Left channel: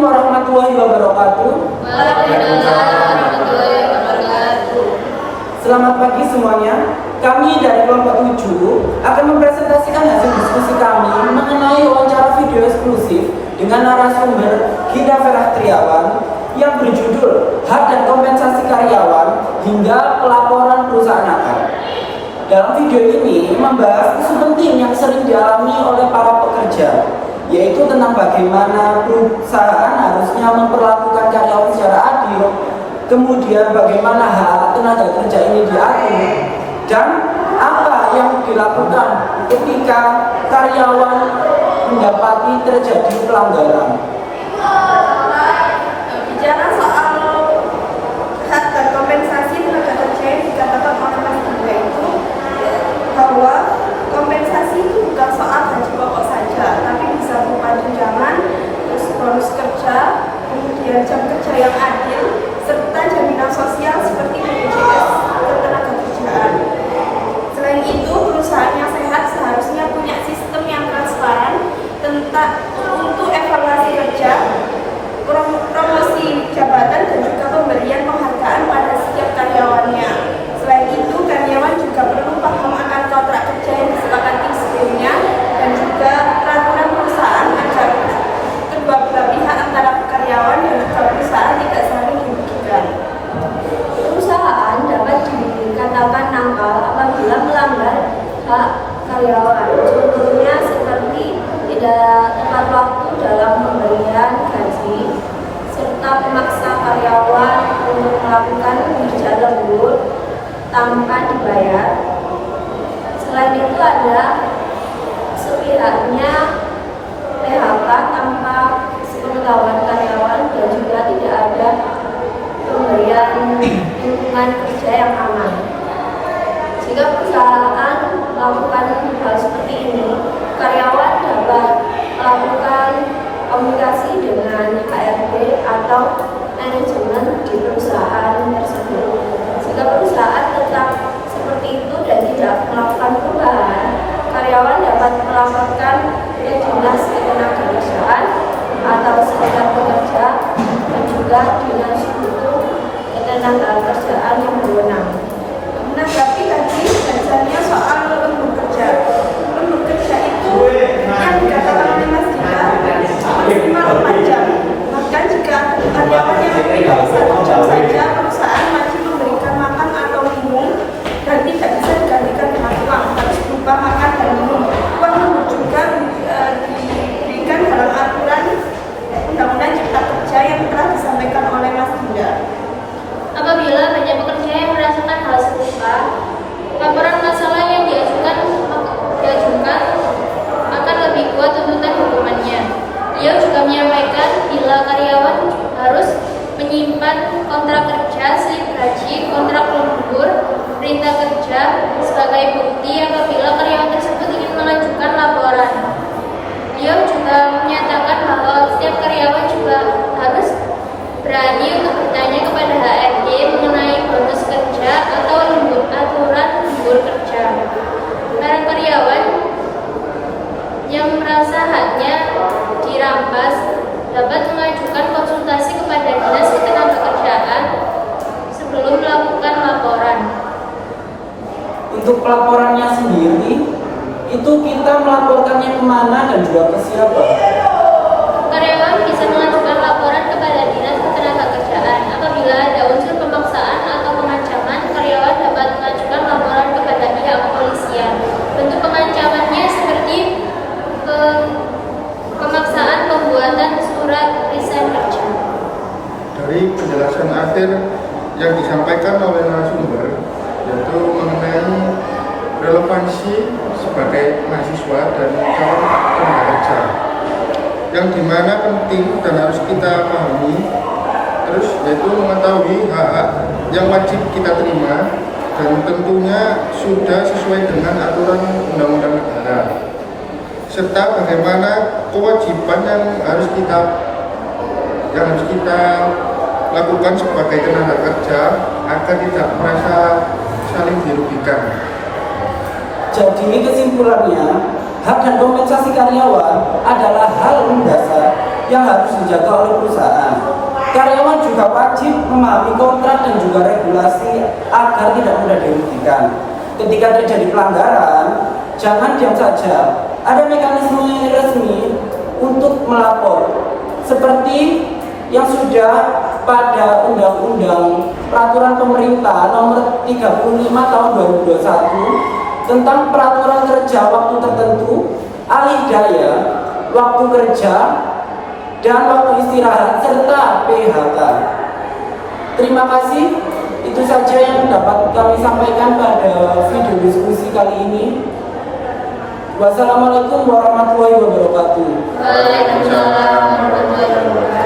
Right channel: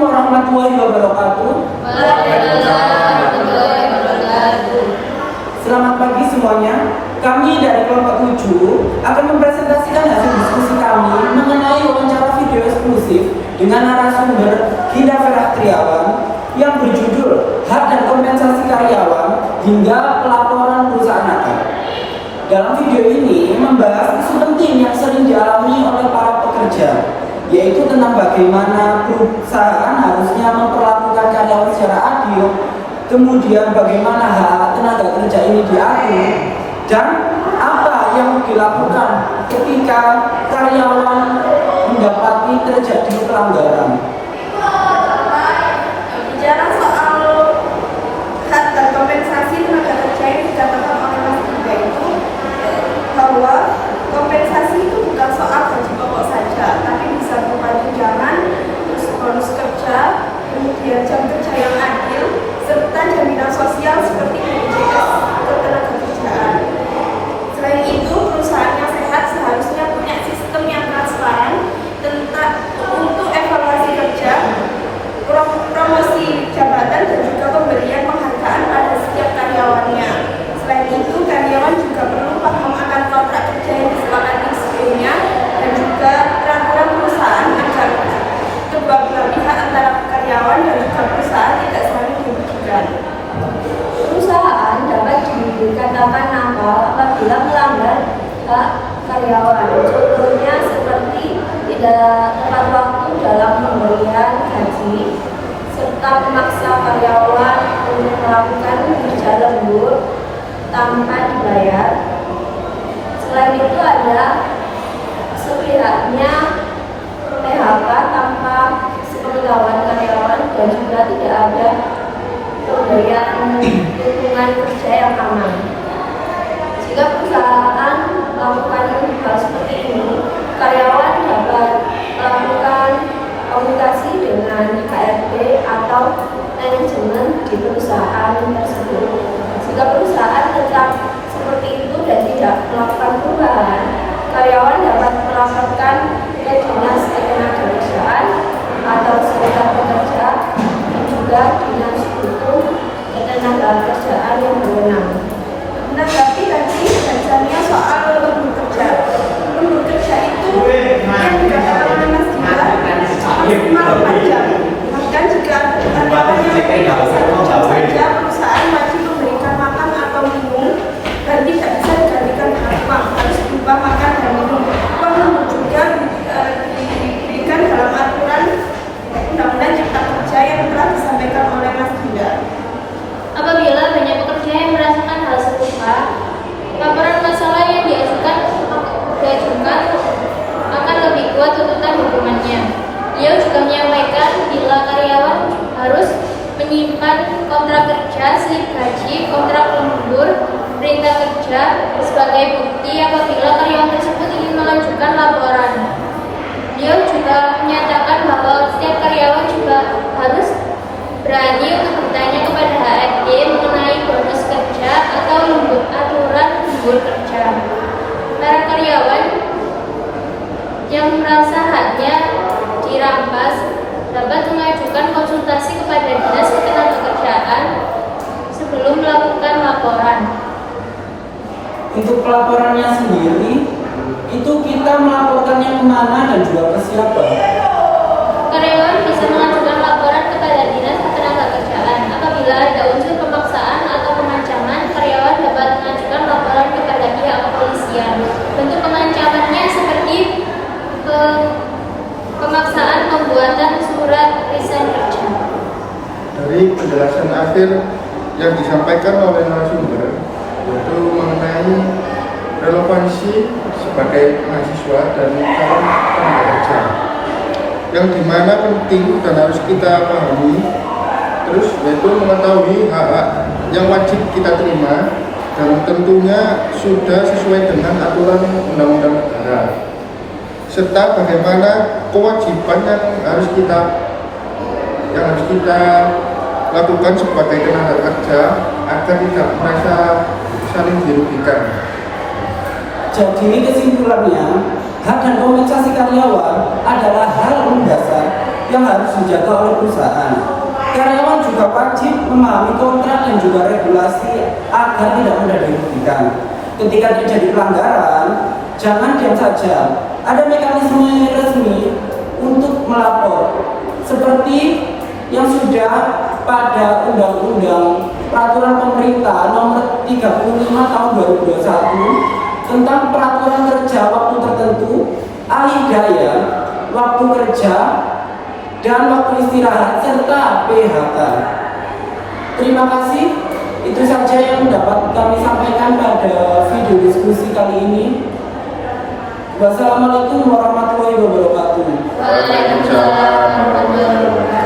Assalamualaikum warahmatullahi wabarakatuh. Waalaikumsalam warahmatullahi wabarakatuh. Selamat pagi semuanya. Kami dari kelompok 7 akan mempresentasikan hasil diskusi kami mengenai wawancara video eksklusif dengan narasumber Hida Ferah Triawan yang berjudul Hak dan Kompensasi Karyawan hingga Pelaporan Perusahaan Akal. Dalam video ini membahas isu penting yang sering dialami oleh para pekerja, yaitu tentang bagaimana perusahaan harusnya memperlakukan karyawan secara adil, kemudian bagaimana hak tenaga kerja ini diatur, dan apa yang dilakukan ketika karyawan mendapati terjadi pelanggaran. Bicara soal hak dan kompensasi tenaga kerja yang dikatakan oleh Mas Bunda itu bahwa kompensasi itu bukan soal gaji pokok saja, tapi bisa berupa tunjangan, terus bonus kerja, kemudian jam kerja yang adil, serta jaminan sosial seperti BPJS ketenagakerjaan. Selain itu, perusahaan yang sehat seharusnya punya sistem yang transparan tentang untuk evaluasi kerja, promosi jabatan, dan juga pemberian penghargaan pada setiap karyawannya. Selain itu, karyawan juga perlu paham akan kontrak kerja yang disepakati sebelumnya dan juga peraturan perusahaan agar kedua belah pihak antara karyawan dan juga perusahaan tidak saling merugikan. Perusahaan dapat dikatakan nakal apabila melanggar hak karyawan. Contohnya seperti tidak tepat waktu dalam pemberian gaji, serta memaksa karyawan untuk melakukan kerja lembur tanpa dibayar. Selain itu ada sepihaknya PHK tanpa sepengetahuan karyawan dan juga tidak ada pemberian lingkungan kerja yang aman. Jika perusahaan melakukan hal seperti ini, karyawan dapat melakukan komunikasi dengan HRD atau manajemen di perusahaan tersebut. Jika perusahaan tetap seperti itu dan tidak melakukan perubahan, karyawan dapat melaporkan ke Dinas Ketenagakerjaan atau Serikat Pekerja dan juga Dinas Hukum Ketenagakerjaan yang berwenang. Menanggapi tadi bahasannya soal lembur kerja. Lembur kerja itu yang dikatakan oleh Mas Dida maksimal 4 jam. Bahkan jika karyawan yang lebih 1 jam saja, perusahaan wajib memberikan makan atau minum dan tidak bisa digantikan dengan uang, harus berupa makan dan minum. Uang lembur juga diberikan dalam aturan Undang-Undang Cipta Kerja yang telah disampaikan oleh Mas Dida. Apabila banyak pekerja yang merasakan hal serupa, laporan masalah yang diajukan akan lebih kuat tuntutan hukumannya. Beliau juga menyampaikan bila karyawan harus menyimpan kontrak kerja, slip gaji, kontrak lembur, perintah kerja sebagai bukti apabila karyawan tersebut ingin mengajukan laporan. Beliau juga menyatakan bahwa setiap karyawan juga harus berani untuk bertanya kepada HRD mengenai bonus kerja atau aturan lembur kerja. Para karyawan yang merasa haknya dirampas dapat mengajukan konsultasi kepada Dinas Ketenagakerjaan sebelum melakukan laporan. Untuk pelaporannya sendiri, itu kita melaporkannya kemana dan juga ke siapa? Karyawan bisa mengajukan laporan kepada Dinas Ketenagakerjaan. Apabila ada unsur pemaksaan atau pengancaman, karyawan dapat mengajukan laporan kepada pihak kepolisian. Bentuk pengancamannya seperti pemaksaan pembuatan surat resign kerja. Dari penjelasan akhir yang disampaikan oleh narasumber, yaitu mengenai relevansi sebagai mahasiswa dan calon tenaga kerja, yang dimana penting dan harus kita pahami, terus yaitu mengetahui hak-hak yang wajib kita terima dan tentunya sudah sesuai dengan aturan undang-undang negara, serta bagaimana kewajiban yang harus kita lakukan sebagai tenaga kerja agar tidak merasa saling dirugikan. Jadi kesimpulannya, hak dan kompensasi karyawan adalah hal mendasar yang harus dijaga oleh perusahaan. Karyawan juga wajib memahami kontrak dan juga regulasi agar tidak mudah dirugikan. Ketika terjadi pelanggaran, jangan diam saja. Ada mekanisme resmi untuk melapor, seperti yang sudah pada Undang-Undang Peraturan Pemerintah Nomor 35 Tahun 2021 tentang peraturan kerja waktu tertentu, alih daya, waktu kerja, dan waktu istirahat serta PHK. Terima kasih. Itu saja yang dapat kami sampaikan pada video diskusi kali ini. Wassalamualaikum warahmatullahi wabarakatuh. Waalaikumsalam warahmatullahi wabarakatuh.